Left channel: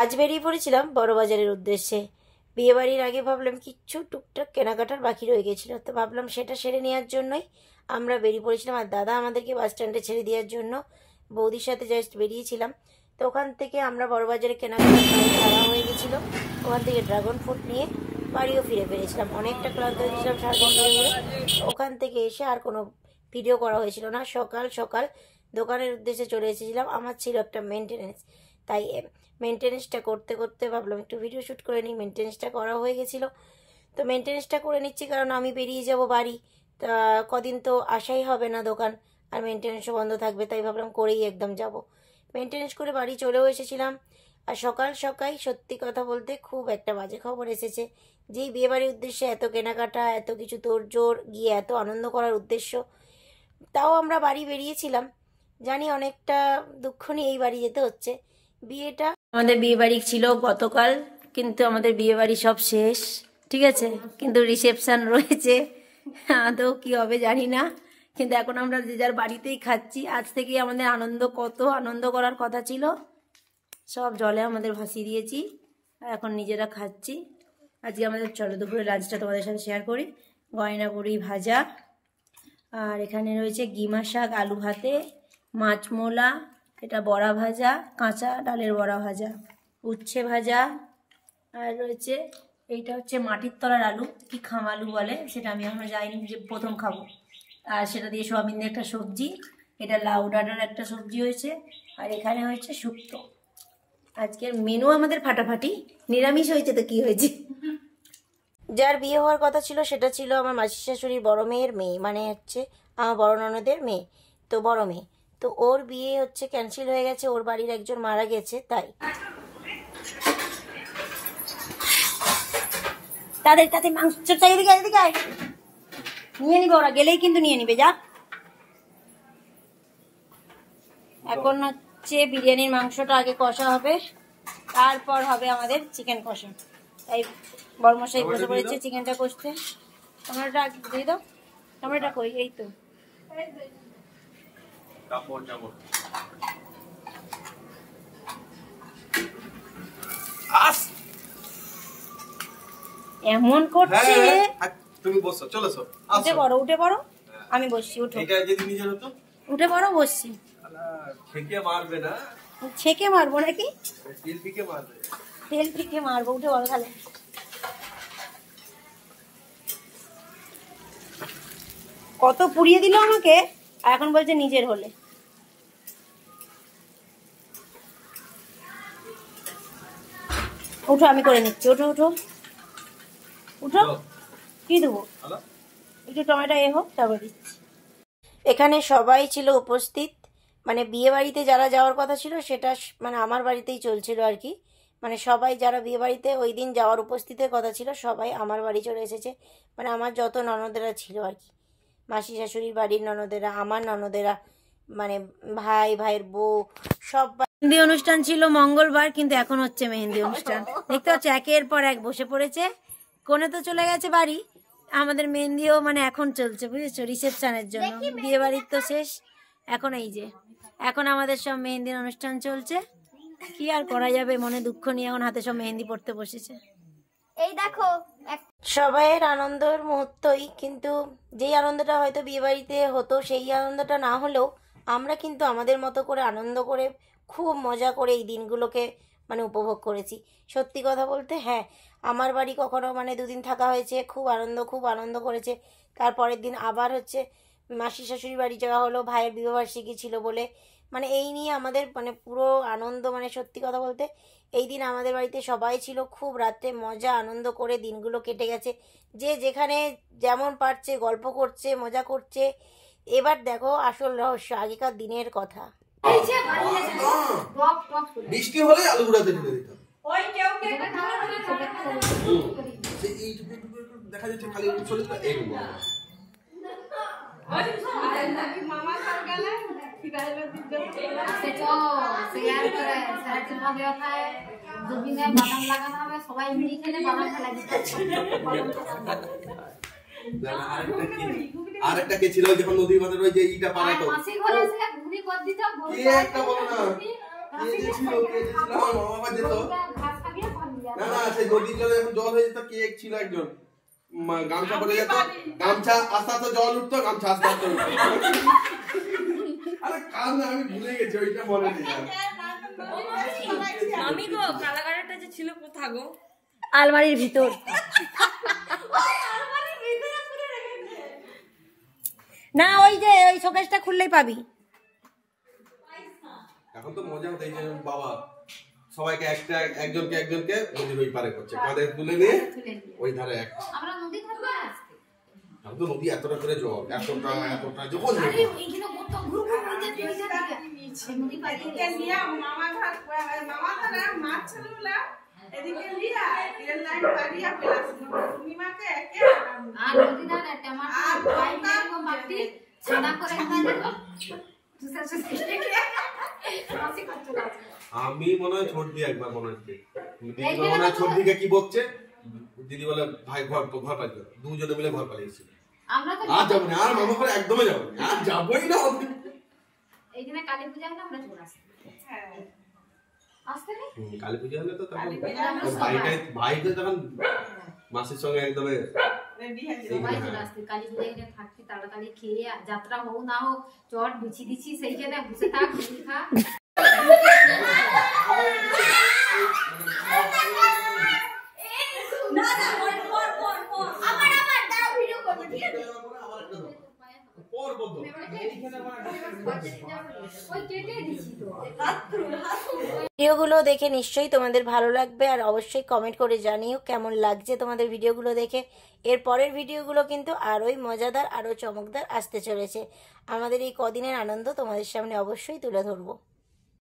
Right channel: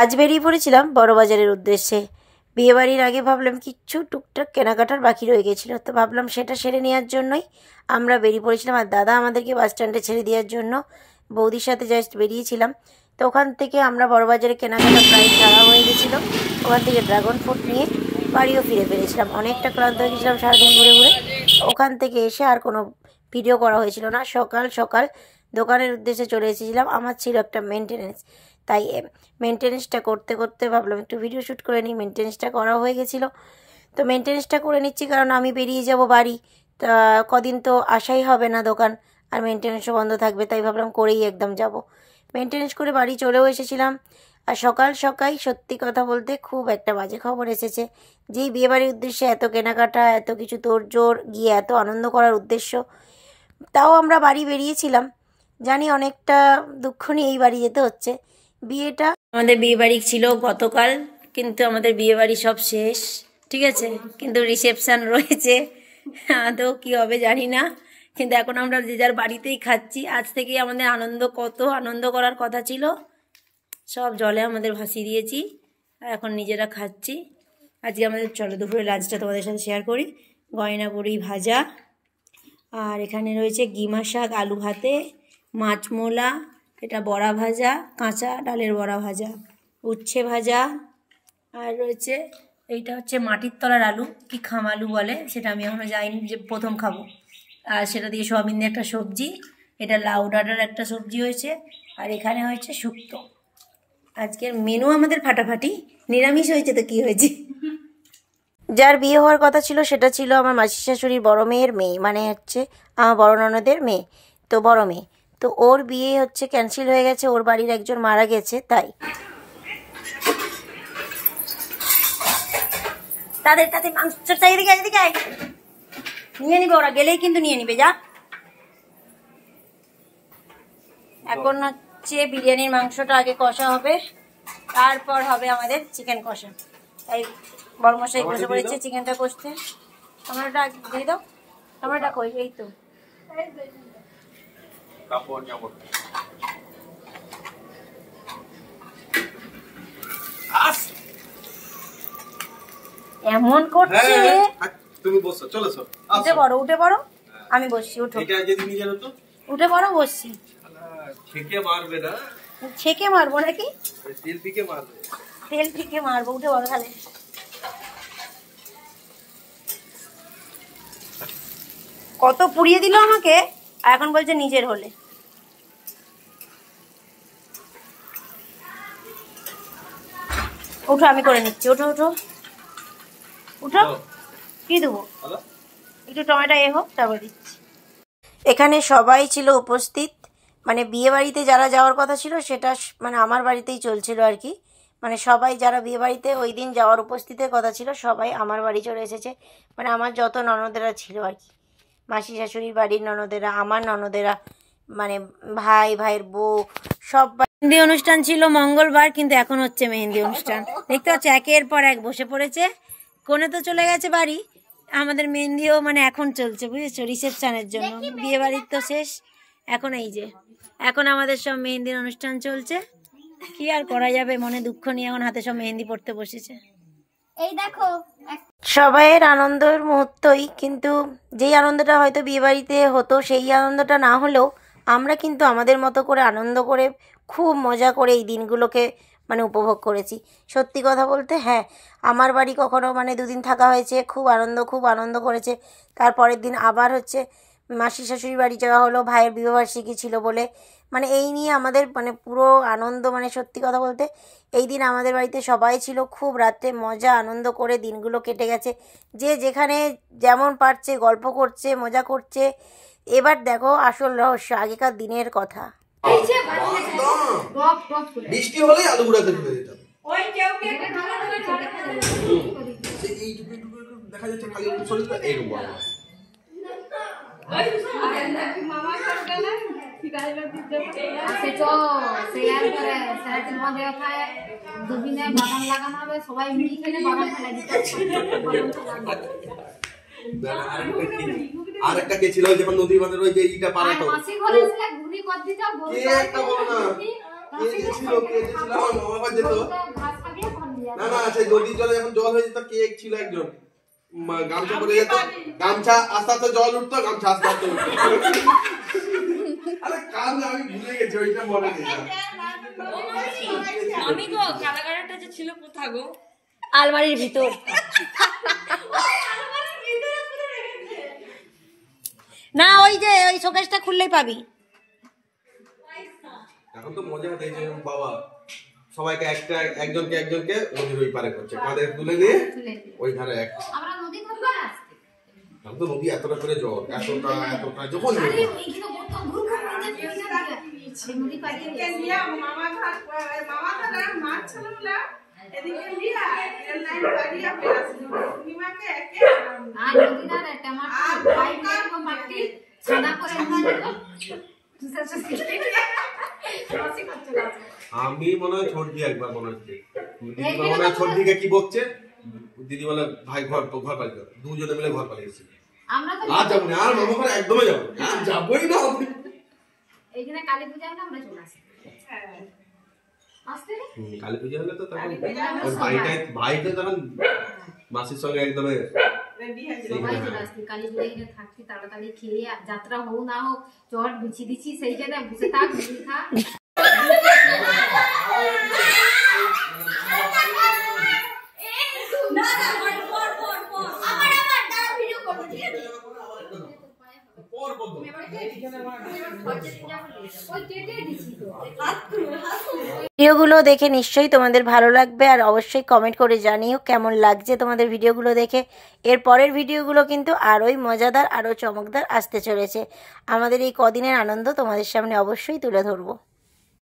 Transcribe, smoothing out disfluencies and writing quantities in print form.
আজ বেরিয়ে পড়েছিলাম বড়বাজারের উদ্দেশ্যে। বিয়েবাড়ির আগে ভাবলাম কিচ্ছু টুকটাক কেনাকাটার বাকি রয়ে গেছিলো, তো ভাবলাম সেটা সেরে নেওয়ার জন্যই আমরা বেরিয়ে পড়েছিলাম। আর দাদা আমাদেরকে বাস স্ট্যান্ডে ছেড়ে দেওয়ার জন্য বৌদির সাথে জাস্ট বেরিয়েছিলাম। তো ওখান থেকে আমরা বড়বাজারে কেনাকাটা প্রায় সারা হয়ে গেছিলো। ওখান থেকে ড্রাগন ফ্রুট নিয়ে বাড়িও ফিরে ফেলেছিলাম। অনেকটা ক্লান্ত হয়ে গেছিলাম সারাদিন ঘুরে ঘুরে। ওখান থেকে এসে আর কোনো ভিডিও করা হয়েছিল না। সকাল সকাল দোকানের উদ্দেশ্যে চলে এসেছিলাম। আমার ছিল একটা মেনটেনেন্স, তাই মেনটেনেন্সটা করতে করতে ভাবলাম একটু ভিডিও শ্যুট করে নিই। মেনটেনেন্সটা করা হয়ে গেছিলো, তো মেনটেনেন্সটা করে নিচ্ছি, কারণ আমি বেরিয়ে যাব বাড়ি। তা কদিন তো আসাই হবে না দোকান, আর মেনটেনেন্সও বন্ধ থাকবে, তাই ভাবলাম করেই একদম যাব। মেনটেনেন্স করে বাড়ি চলেও এসেছিলাম। আর সকাল সকাল সত্যি কথা বলতে খুব একটা বাজে খবর এসেছে। যেই বিয়েবাড়ির উদ্দেশ্যে এত কেনাকাটা, এত কিছু তোড়জোড়, গিয়ে এত আনন্দ করার উদ্দেশ্য, তাও আমরা বাড়ি বেরিয়েছিলাম। জানি অনেকটা দুঃখ নিয়ে এই বাড়ি যেতে হচ্ছে। বিয়েটা আমাদের বিয়েবাড়ি ছিল গতকাল, কিন্তু আমাদের বিয়েবাড়ি সব শেষ, ঠিক আছে, কিন্তু রিসেপশন রয়েছে। আদৌ কি হবে জানি না, কিন্তু এখন আমরা যে যার বাড়িতেই খাচ্ছি। আজ থেকেই আমাদের আনন্দ, কত আনন্দ করার কথা ছিল, সব জলে আমাদের ভাসিয়ে দিয়েছি, আর এখন নিজেরা খাচ্ছি। আজকে আমাদের, চলো দুপুরে লাঞ্চটা তোমাদের সাথে শেয়ার করি। গয়না বড়ি ভাজা, আর এখানে রয়েছে গিমা শাক আলু ভাতে, মাছ মোলা, এটা বড়া ভাজা, কাঁচা ডালের বড়া ভাজা, উচ্ছে ভাজা, আর রয়েছে এইটা হচ্ছে মাটির তলার আলু, কি খামালু বলে সেটা আমি এখনো যাইনি, যে প্রথম খাবো। আর সেটা দিয়ে সয়াবিন দিয়ে একটা সবজি, এটা লাউ ডাঁটার একটা সবজি হয়েছে, আর এখানে হয়েছে শুক্তো। আজকের মেনু আমাদের ফাটাফাটি। নিরামিষ হয়েছে তো কি হয়েছে। যার বিয়ে হওয়ার কথা ছিল সেটা ছিল আমার মাসি শাশুড়ির বড় মেয়ের মেয়ে, মানে হচ্ছে আমার বড় ননদের মেয়ে, তো বড় মেয়ে। তো ওর বিয়ে হচ্ছে ক্যান্সেল হয়ে গেছে, ওর বাড়ির একজন মারা গেছে, তাই তাদের কাছে মাংস চাই। এদিকে নিয়ে নিবে, ওরা গেলেই কিন্তু নিয়ে নিবে। যা, এখন হচ্ছে বিরিয়ানির মাংসটা আগে কষা হবে, তারপর হবে আমাদের চিকেন কষা। তাই বড়মশাই বসে পড়েছে চিকেনটা কষতে। টমেটোটা দিয়ে দাও। টমেটোটা কই? এই তো। এমন করছে। তুমি বসো, চলো সর। উঠে পড়ো, উঠে পড়ো। আমি বসছি, উঠো। এটা যদি নিয়ে যাও তো উঠে পড়ো, বসছি। ছেকে মারবে না? ছেকে মারবো নাকি? তেল পিকে মারবে। তেল পিকে মারবো, উঠে পড়ো তাহলে। কত পুড়িয়ে দিল আমাকে, এখন বলছে নিজের হলে। উঠো, আমি করে নিচ্ছি। উঠো উঠো উঠো। কি দেবো? একটু টমেটো হোক, তারপর দিচ্ছি। এখানে সবাই ছিল উপস্থিত, মানে বিয়ে বাড়িতে যারা যাওয়ার কথা ছিল সেটা মানে আমার বাড়িতেই চলছিল আর কি। মানে সবাই যারা বিয়ে বাড়িতে ওই দিন যাওয়ার উপস্থিতের কথা ছিল সবাই আমার বাড়ি চলে এসেছে। মানে আমার যত ননদেরা ছিল আর কি, মাসি শাশুড়ির বাড়ির ননদেরা, আমার ননদেরা, মানে ভাইয়ের বউ, সব। মেহেন্দি অনুষ্ঠান ছিল মঙ্গলবার, কিন্তু এখন হচ্ছে মেহেন্দি অনুষ্ঠান। দেখতে পাচ্ছ একের পর এক বসে পড়েছে। কোনে তো চলে গেছে বাড়ি, আমাদের মেহেন্দিও মানে এখন চলছে, বুঝেছো, রিসেপশনের জন্য। বিয়ে বাড়ির তো শেষ, এখন এই যে এখন আমাদের সব মেহেন্দির অনুষ্ঠান চলছে। কি আর করা যাবে, মনে দুঃখ নিয়ে এখন হাতে সব মেহেন্দি পড়তে বসেছে। এই দেখো সবাইয়ের আনন্দের মুহূর্তই, কিন্তু যেই আনন্দটা হয়তো বিয়ে বাড়িতে হতো সেই আনন্দটা না হলেও আমরা কিন্তু আমাদের মতো করে আনন্দ করে খুব মজা করে এই দিনগুলোকে মানে উপভোগ করেছি। সত্যি কথা বলতে, হ্যাঁ, আমার বাড়ি কখনো মানে দুদিন থাকা হয়েছে, খুব আনন্দ করেছে। তারপরের দিন আবার হচ্ছে মাসি শাশুড়ি বাড়ি যাওয়া হলো, ভাইয়ের বিবাহবার্ষিকী ছিল বলে। মানে এই নিয়ে আমাদের মানে পুরো আনন্দ, মানে সত্যি কথা বলতে এই দিন আমাদের বাড়িতে সবাই ছিল, খুব রাতে মজা আনন্দ করে দিনগুলো কেটে গেছে। যে যেখানে যেমন পারছে গল্প করছে, মজা করছে। এবার দেখো আসল রহস্য, আগেকার দিনের কথা। বৃষ্টি হলেই আলু গুঁড়াতে ঢেলে দিতাম। দেখা যাচ্ছে খালি শরীরটা এরকম। আর একটা কে ছিল যখন নদীর বাঁধের ওই যে ইটা পারাতো, কে একটা বলো না, কে যে ছিল আমার মামা বাবা যেত না না সেই নদীর জলে যখন জল হয়ে যেত কে ছিল একজন গামছা পরে যেত গামছা আস্তে আস্তে জল উঠতো গামছা আস্তে আস্তে উঠতো আরে কান আমি ভুলে গেছি ওইটা মনে নেই আমি তো কালাগাড়াটা যে ছিল কোথা গো আলমারির ভিতর না ওই যে ওই শোকেসটা খুললেই পাবি এখন তো মজা হচ্ছে যে বাবা সবাইকে একজনকে নদীর ওই পারে করছে কাঁধে তুলে নিয়ে ওই ধারে এক আমরা নদী ধারে আসতে আমি তো নদী এতটা করে জল এতটা যখন আরে এইখানে কত গ্রুপ করে নদী পাড়ে লিয়া মামা ঘাট মাছ ছিল এদিকে লিয়া এর লাইন বাড়িয়া পেলাছিল পূর্ণিমাকে একে আর নদী ধারে টমাটো বাইগান ও মাটি ছানা করে আমি মনে হয় ছোট দিয়ে একবার মনে হচ্ছে দিদি মনে হয় ছোট দিকে কি বকছে দিদি বলে ভাই ঘর পালিয়ে দুজনে মিলে ঘর পালিয়েছে আমরা তো আর যাবো না আর মামা ঘরে একদমই যাবো না আর যাবোই না এইখানে কালী পূজা হলে আমরা চলে আসি আসতে রে কালী পূজা হলে তো তখন ভাইটা তখন মাসির সঙ্গে একদম রেডি হয়ে সবাই চলে আসছি কালী পূজা এখানে থাকছি তাড়াতাড়ি খেয়ে যাত্রা হোক না হোক চট বিছি দিচ্ছি সেই জায়গায় বসে থাক মুড়ি খা ভিডিওগুলো দেখে নিশ্চয়ই তোমাদের ভালো লাগবে আর অবশ্যই কমেন্ট করে জানিও কেমন লাগছে তোমাদের ভিডিওগুলো দেখে। এর পরের ভিডিওগুলো কিন্তু আরোই মজাদার আরও চমকদার আসতে চলেছে। আমাদের এই কদিনের আনন্দ তোমাদের সামনে অবশ্যই তুলে ধরবো।